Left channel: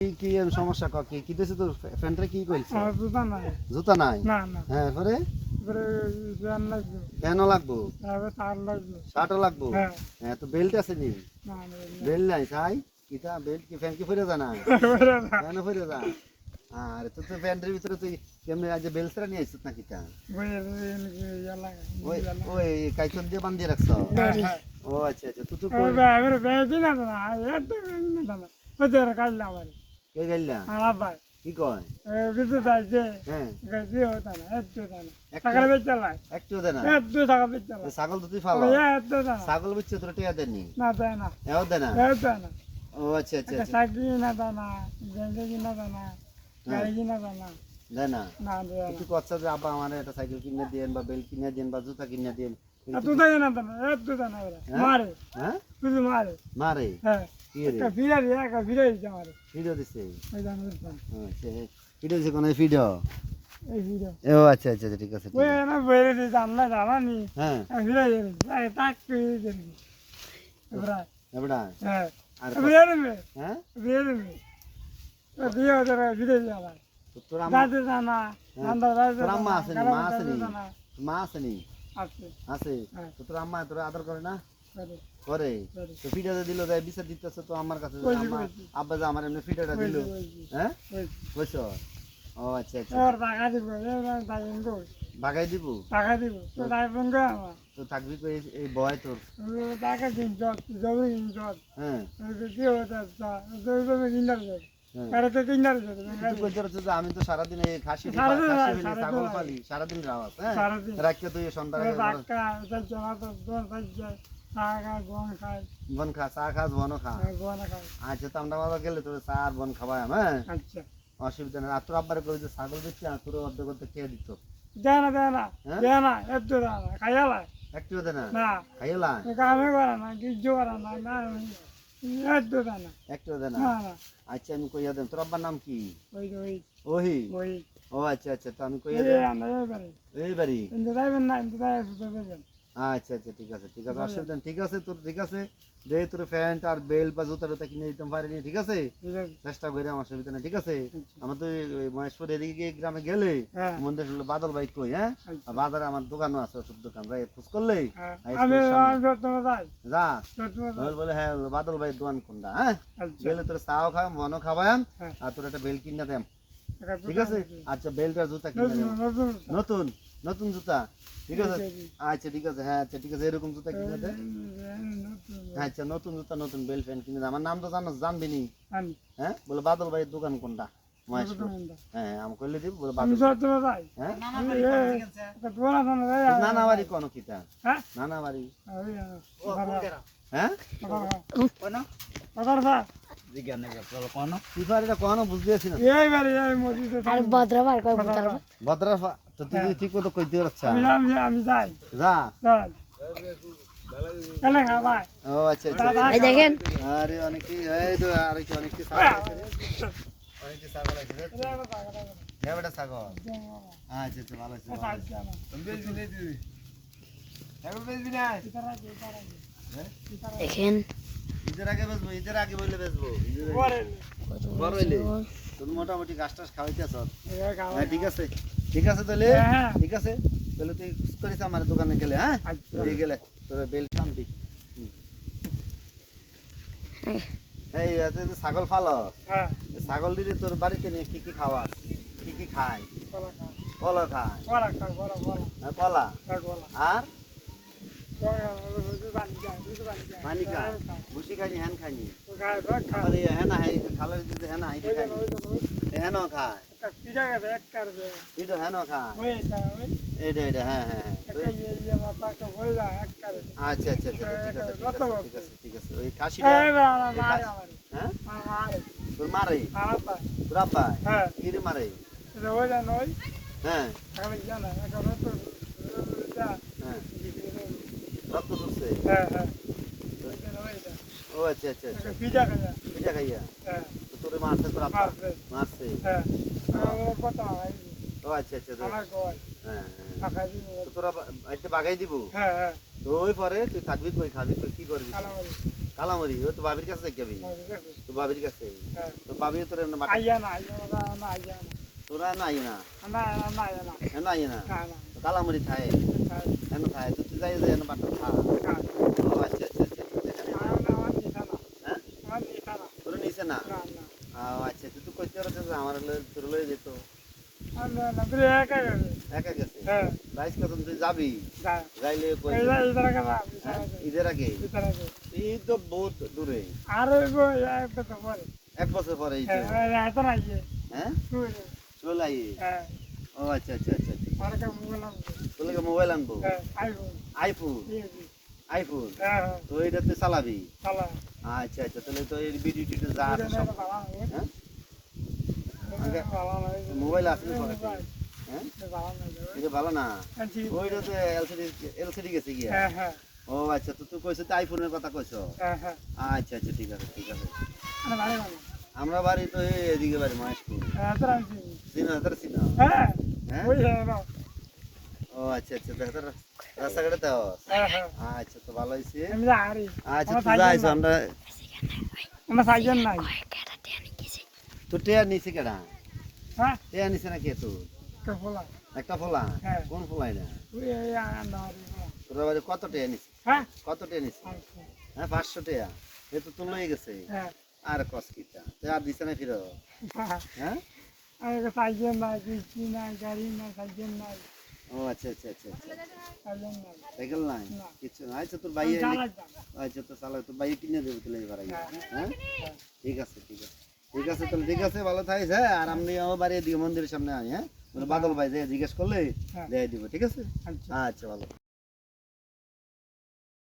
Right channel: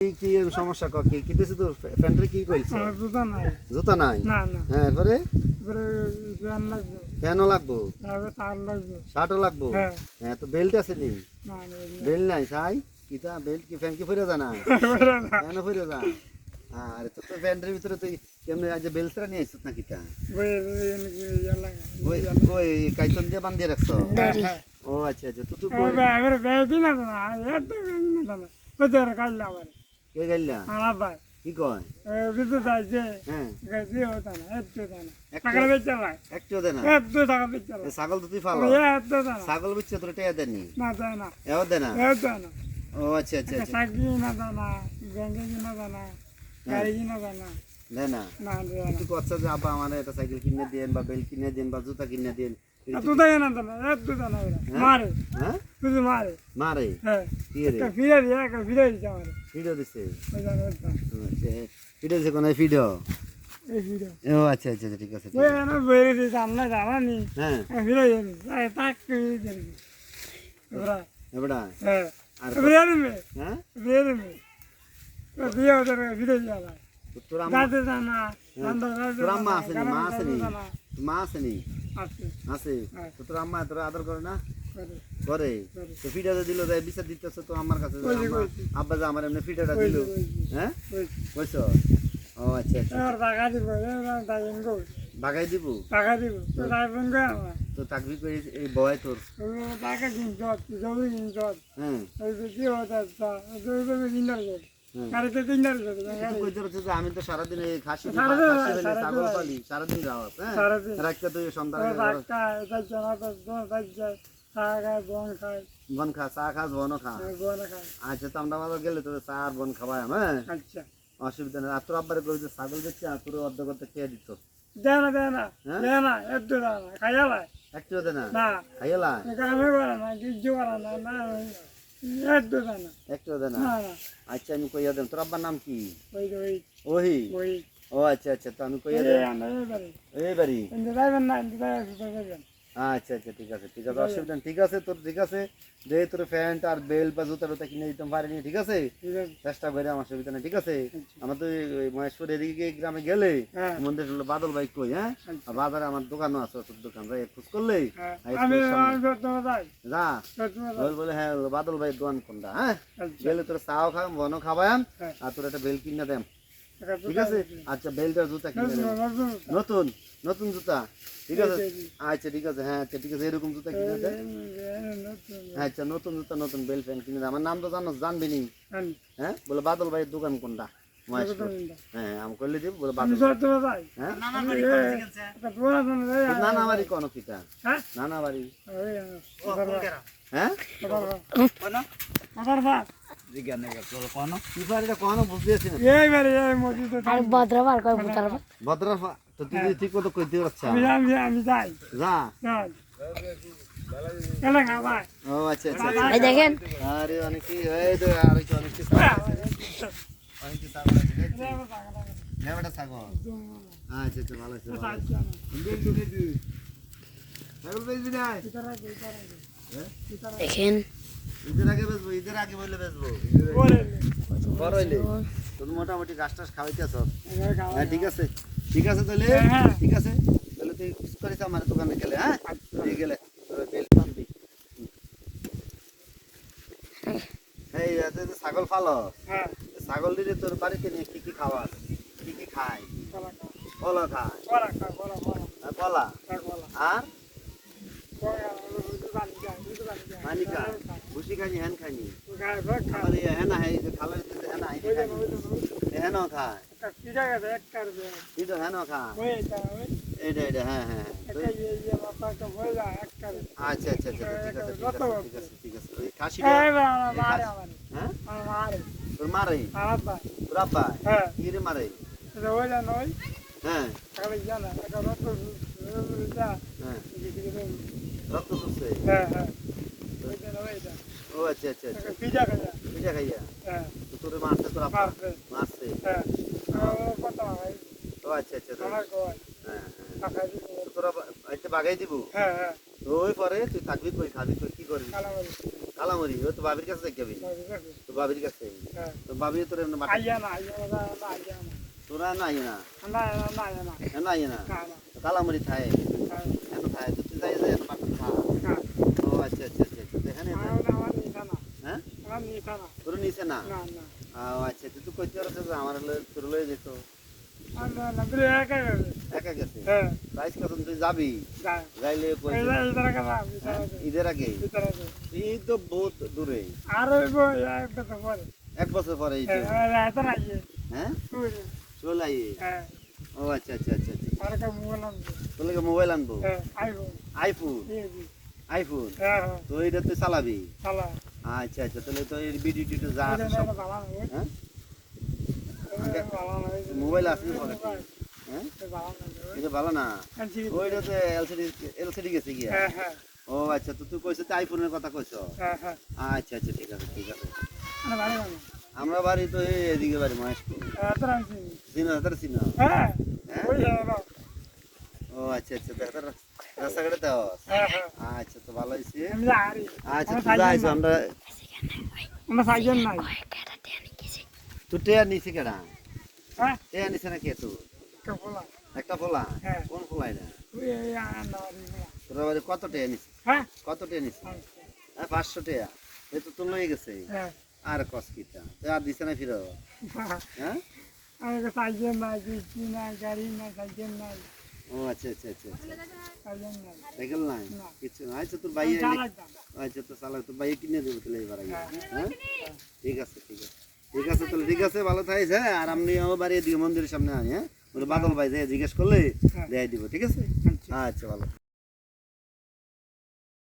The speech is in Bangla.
কি এর সমস্যা কি দিছে তো প্যান্টে কি কইছে? জুতা নাই। জুতা নাই? না না। হ্যাঁ পরে পরে ফ্যান লাগবে। ফ্যানও লাগবো, তারপরে তার লাগবে। শার্টও লাগবো। হ্যাঁ। হ্যাঁ তো বেল্ট আছে নি? না না। বেল্ট নাই খাই কিটা বেল্ট কি ফ্যান কি ফিরে যায় না? পরে না। ফ্যান ফিরে যায়। আরে তো প্যান্টের ভিতরে তুই কেমনে আজ বেল্ট রে নিয়ে আসছিস নাকি তা? ওই এনকি ইয়ালা। ওই ওই কাইতন দিয়ে বান্ধিয়ে রাখছ? হ্যাঁ। ও আচ্ছা আচ্ছা তো তুই ও ভাই বেবি না না। এটা না না। ওই তোর কাল না আবার। কে গাইলা? আমার ভাই। কি কয়? বিদ্যুৎ আছে। হ্যাঁ গাজি হতো না। একটু না। টাকা বেচে চালাই। একটু দে না। একটু টাকা বেচে চালাই। ছাগল তো তুই ফালো। একটু না। ছাগল বিচ্ছে তোর টিয়া দেননি? না দেয় না। এও দে না? একটু না। ও আচ্ছা আচ্ছা আচ্ছা সাইকেল কিনা দানা, ব্যাংকে কিনা দানা, গাড়ি কিনা দানা। দে না। না দেয় না। তুই কচ্ছা যে আব্বা আমার একটা সাইকেল কিনে দেন বা বেল্ট কিনে দেন বা জুতা কিনে দেন। তুই দেয় না দানা, একটু দানা ওরা। মারে, হ্যাঁ শুধু মারে। মারে হ্যাঁ। কি রে একটা ফিরে দিয়ে, একটা ফিরে দিচ্ছে মারে। ভিডিও দিছে? ওই দানা ওই দানা। ভিডিও দিছে কোন ভিডিও? এই ফিরে। ও আচ্ছা আচ্ছা ঠিক আছে ঠিক ওই আছে। না বেরে দিয়ে জানা জানা নি। হ্যাঁ ফিরে দিয়ে, তাক করে দিয়ে। ওরা, এবড়া হ্যাঁ। আর ফিরে দিবে, হ্যাঁ ফিরে দিবে। তো দিয়ে ওদের ফিরে দিয়ে আবার। তোর আম্মা যাতে জানা, নান্দা যাতে তোর আম্মা জানা, আসেনি মা আসেনি মা আসেনি আছে। আছে হ্যাঁ। তো তোর আম্মা তোর আদর করে না? করে, করে করে। তো ফিডাতে দিল তাই বিচার দিতেছে তো আমার কাছে যে কইছি, আম্মা কইছি। আব্বা যে আমার এমনি ফিডাটা দিল কইছি, কইছি। হ্যাঁ কইছি। কইছো? ও আচ্ছা আচ্ছা এবার টাকা দিব, এবার টাকা দিব। ভাগাই দিব টাকা দিব, তো টাকা ফোন করে আমার। তো থাকবি কই এই বয় তোর? তুমি টাকা দিন যত, জমি দিন যত। হ্যাঁ ওই যে কি হতো, জমি দিনার যত। হ্যাঁ কারে তো দিনার যত। তুই কইতে পারছিস যে আমি তো সারাদিন এই খাসি সারাদিন খাসি ফেলে সারাদিন ছাগল পালি সারাদিন রাওয়াস হ্যাঁ সারাদিন। রাখতে তুই সন্ধ্যা ওই টাকা, এটা জানা তো, যায়। টাকা, বন খায়, বন খা চা খাস বনও খা বন খায়। আচ্ছা তো আমরা বাবা গেলে তোর চা আর বন খাওয়াই হ্যাঁ আচ্ছা। অসুবিধা নেই আর তোর আব্বারে কই যে ছাগল দিচ্ছে আর তোর অর্ধ করতে খেয়ে দিত দেয় না, দেয় না, হ্যাঁ? দেয় না, একটু দেয় না, খাইয়ালায়। একটু দে না না, খাইলা কামে করে না, কিছু করে না, না, একটু দেয় না। একটু দে না না, না, আচ্ছা আমি কইয়া দেন তোর আব্বার নাম কি? ওই যে ওই, ওহি ওই, ও আচ্ছা আচ্ছা তো আমি কইয়া এই দেন আমরা এবারে। এই বাড়ি কিন্তু যাইবেন না, কিন্তু যাইবেন। আচ্ছা আচ্ছা ঠিক আছে অসুবিধা নেই ঠিক আছে তোর ঠিক আছে দে তোর প্যান্ট আর বেল্ট বা জুতা টুতা কিনে দিতে পারিনি ঠিক আছে ঠিক আছে। চেষ্টা করে আমার সুবিধা নেই ঠিক আছে আমার তো ওই মহেশপুর এদিকে গ্রামে গেলে হ্যাঁ। মন্দির হলো বাদল ভাই কই হ্যাঁ আচ্ছা। আর বাজারে আমার দোকানও আছে ওষুধ দোকান যাই খোঁজ করলেই হ্যাঁ, হাই আমি স্কুলের সামনে। সত্যমা যাই, যা সত্যমা যাই। বল বলে হ্যাঁ বাদল ভাই দোকান কোনটা হ্যাঁ আচ্ছা। গেলে তোর চাও খাওয়াম বনও খাওয়াম হ্যাঁ। আর তোর একটা বেল্ট কিনে দেম একটা ঠিক আছে আচ্ছা বেল্ট আর জুতা কিনে নতুন, দেম নতুন। নতুন নতুন জুতা ঠিক আছে এই যে, আচ্ছা ঠিক আছে হ্যাঁ আচ্ছা ঠিক আছে এরকম জুতা কিনে দে নতুন। আচ্ছা নতুন জুতা নতুন বেল্ট প্যান্ট কিনে দে আমার নাম তো জানবি নি আনি, হ্যাঁ বলে বাদল ভাইয়ের দোকান কোনটা মহেশপুর নতুন কোনটা? হ্যাঁ আমি করলে দিব বলে আমি বাদল সত্যমা যাই। হ্যাঁ একটা পুরানা থানা যাই, তোর নানা বাড়ি কোন কিতা হ্যাঁ? নানা বাড়ি ওই, হ্যাঁ কাকার ভাই, কি পারি এটা কোন বুঝতে আছি না এইবারে এই মসজিদে আর ভদ্রবার কয় ভদ্রবার ভদ্রা তো তুই ঠিক মতো কইতে পারছ আমি যাই, যা যাই। এলে খাবাই। ও আচ্ছা আচ্ছা এই দেখেন আরে অনেক কি এই তো আর কি অনেক কি অনেক কি ছাগল আছে হ্যাঁ বেটা ছাগল আচ্ছা তো ভালো আছে ভালো আছে ছাগল বেচবি না দেখেন ঈদের আগে বললে বেচবো বড় হইলে তুমি মোটামুটি গাছ টাছ খাওয়াইতেছ হ্যাঁ ঠিক আছে তাহলে হ্যাঁ। ঠিক আছে তাহলে তুই করিস আমার দোকানে গেলে হ্যাঁ দিয়ে গেলে তোর বেল্ট টানবি এই এতে তো ছাগল ফালো হ্যাঁ, ছাগল দিলে তোর বাড়িতে নিয়ে কি কি খাওয়াস কি কি খায় কলা খা আর কলা আর পানি খা ভুসি খাইনি হ্যান খাইনি আবার এই হেনা হাই খাবার দিতে হেনা হাই খাইনি হেন খায় এই তো হেন খায় এটা হ্যাঁ হ্যাঁ আচ্ছা আচ্ছা ঠিক আছে ওই খাসিটা হ্যাঁ তোর মারে তোর আব্বা কি রে মারে হ্যাঁ হ্যাঁ রক্ত পড়ছে ও আচ্ছা আচ্ছা আচ্ছা এটা খাইয়া তো তোর মারছে তোর আব্বা মারছে ও আচ্ছা আচ্ছা হ্যাঁ হ্যাঁ তো তোরা এটা বাগাই দিব তো তো ওই পরে তুই থাকবি কই খাবি কই কি করবি কালামারি কালামরি ও তো বাবির কাছে যাবি তো বাবির কাছে হ্যাঁ তো বাবি তোর এমনি মাঠে আইয়া না আইয়া না না আইয়া তোরা নাই না না না না এ নাই না না না তো কালামরি খায় এন খায় তো তুই যাই যাই এন মাঠে খা ও আচ্ছা আচ্ছা আচ্ছা এখানে হ্যাঁ তোর নিছে না ও আচ্ছা তুই তো কইতে পারছিস যে আমার তোর লয়ে যেত একা গেছে রাইস কখন তুই যাবি যাইলে ঈদের আগে ঈদ তো বহুত দূরে এক বছর পরে ঈদ হ্যাঁ চলে আই ও আচ্ছা আচ্ছা আচ্ছা তোর মোবাইল আনবো আইফোন আইফোন তো এটা তুই চালাবি আচ্ছা আচ্ছা তাহলে তো এর ভিডিও টিডিও যা আছে সব হ্যাঁ মোবাইল আছে পকেটে হ্যাঁ এটা ভালো না ওইটা তো এলসিডি গেছে গিয়া ও আচ্ছা তো তুই কইছ তো আইফোনের কথা কইছ আচ্ছা আচ্ছা ঠিক আছে ঠিক আছে আমরা বাড়ি তো এদিকে বাড়ি মহেশপুর চিনা হ্যাঁ ও আচ্ছা আচ্ছা দেখ রাস্তাঘাটে তো আচ্ছা তো ভালো হয়েছে আচ্ছা তুই যাইছ আমরা তোর টেয়ার নিছে কেডা টেয়ার নিছে না কে তোর একটা ফোলা কোন ফোলা এটা তোর বাড়ি কত টেয়ার নিছে কত টেয়ার নিছে হ্যাঁ 500 টেয়া এই তো তোর লয়ে গেছে আর কস কিটা আর দিছে না ফিরো হ্যাঁ ও আচ্ছা আচ্ছা আচ্ছা সাইকেল নাই কিছু আচ্ছা তোর ভাই আচ্ছা তো সালা তোর ভাই কিনে দেবো তাহলে এবার হ্যাঁ ঠিক আছে ঠিক আছে ঠিক আছে তাহলে ঠিক আছে ভালো থাকিস হ্যাঁ আর আমি আমার বাড়ি এদিকে মন্দিরের সামনে আনি হ্যাঁ বাদল ভাই জিজ্ঞেস করলে দেয় দিব ঠিক আছে আচ্ছা ভালো